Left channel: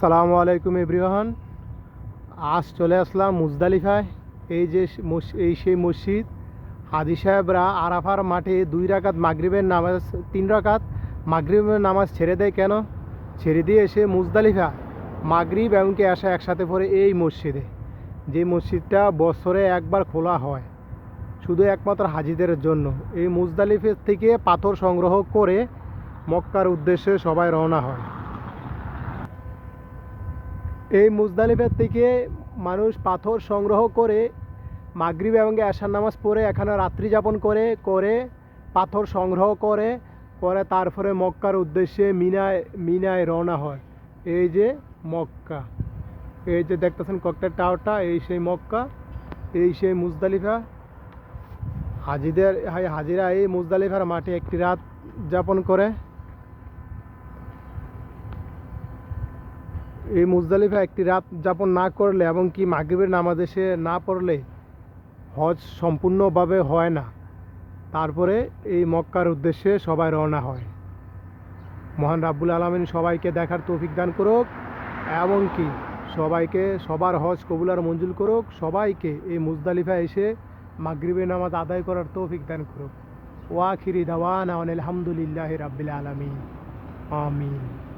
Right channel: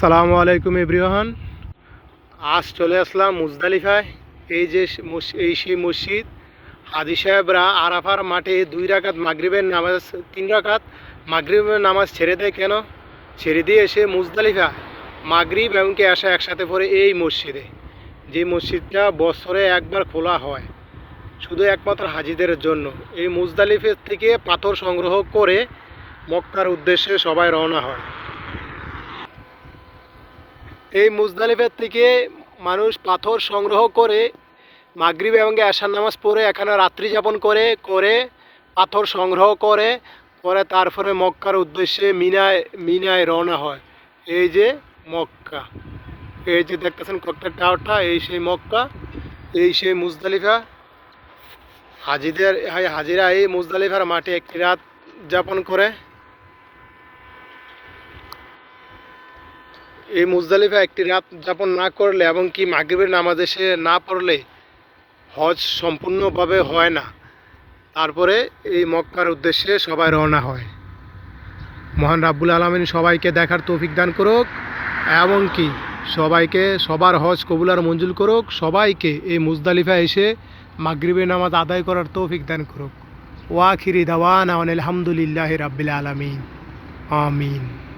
আসসালামু আলাইকুম এভরিওয়ান। আজ চলে আসলাম মুজদালিফায়। এই যে এই সেই মসজিদ, হাদি সাহেবরা আরাফার মাঠে দুই রাকাত মাগরিবের নামাজ, তিন রাকাত মাগরিবের নামাজ ছেড়ে দেয় কেন? ছেড়ে দিয়ে এসে মুজদালিফা মাগরিব এমনকি আসা একসাথে পড়ে এই মসজিদে। যে মসজিদটা বছরে একবার খোলা হয়, শুধু একমাত্র হাজিদের জন্য। এই মুজদালিফের থেকে পাথর সংগ্রহ করে মক্কার উদ্দেশ্যে সবাই রওনা হয়। এই মুজদালিফের থেকে মানুষ পাথর সংগ্রহ করে মাগরিব এবং আশার নামাজ পড়ে, এখানে রাত্রি যাপন করে করে পাথর সংগ্রহ করে করে তারপরে মক্কার উদ্দেশ্যে মিনায় মিনায় রওনা হয়। এই যে মক্কা, এই যে দেখতেছেন ককটার টাওয়ারটা, এই সেই মক্কা, এই সেই মুজদালিফা। হাজিদের, হাজিরা এই মুজদালিফার মাঠে একটি রাত যাপন করে। এই মুজদালিফা একটি রাত যাপন না করলে এবং কি মাগরিবের নামাজ এসে না পড়লে হজ সম্পূর্ণভাবে হয় না। তারপরে এই মক্কার উদ্দেশ্যে সবাই রওনা হয়। মহান রাব্বুল আলমিন সবাইকে দেখার তৌফিক দান করুক এবং কি সবাইকে সবার হজ কবুলার মঞ্জুর করুক। সবাইকে এই মুজদালিফা এসে মাগরিবের নামাজ আদায় করার তৌফিক দান করুক। ওয়াখিরি দাওয়ান আলহামদুলিল্লাহ রাব্বিল আলমিন। আমিন।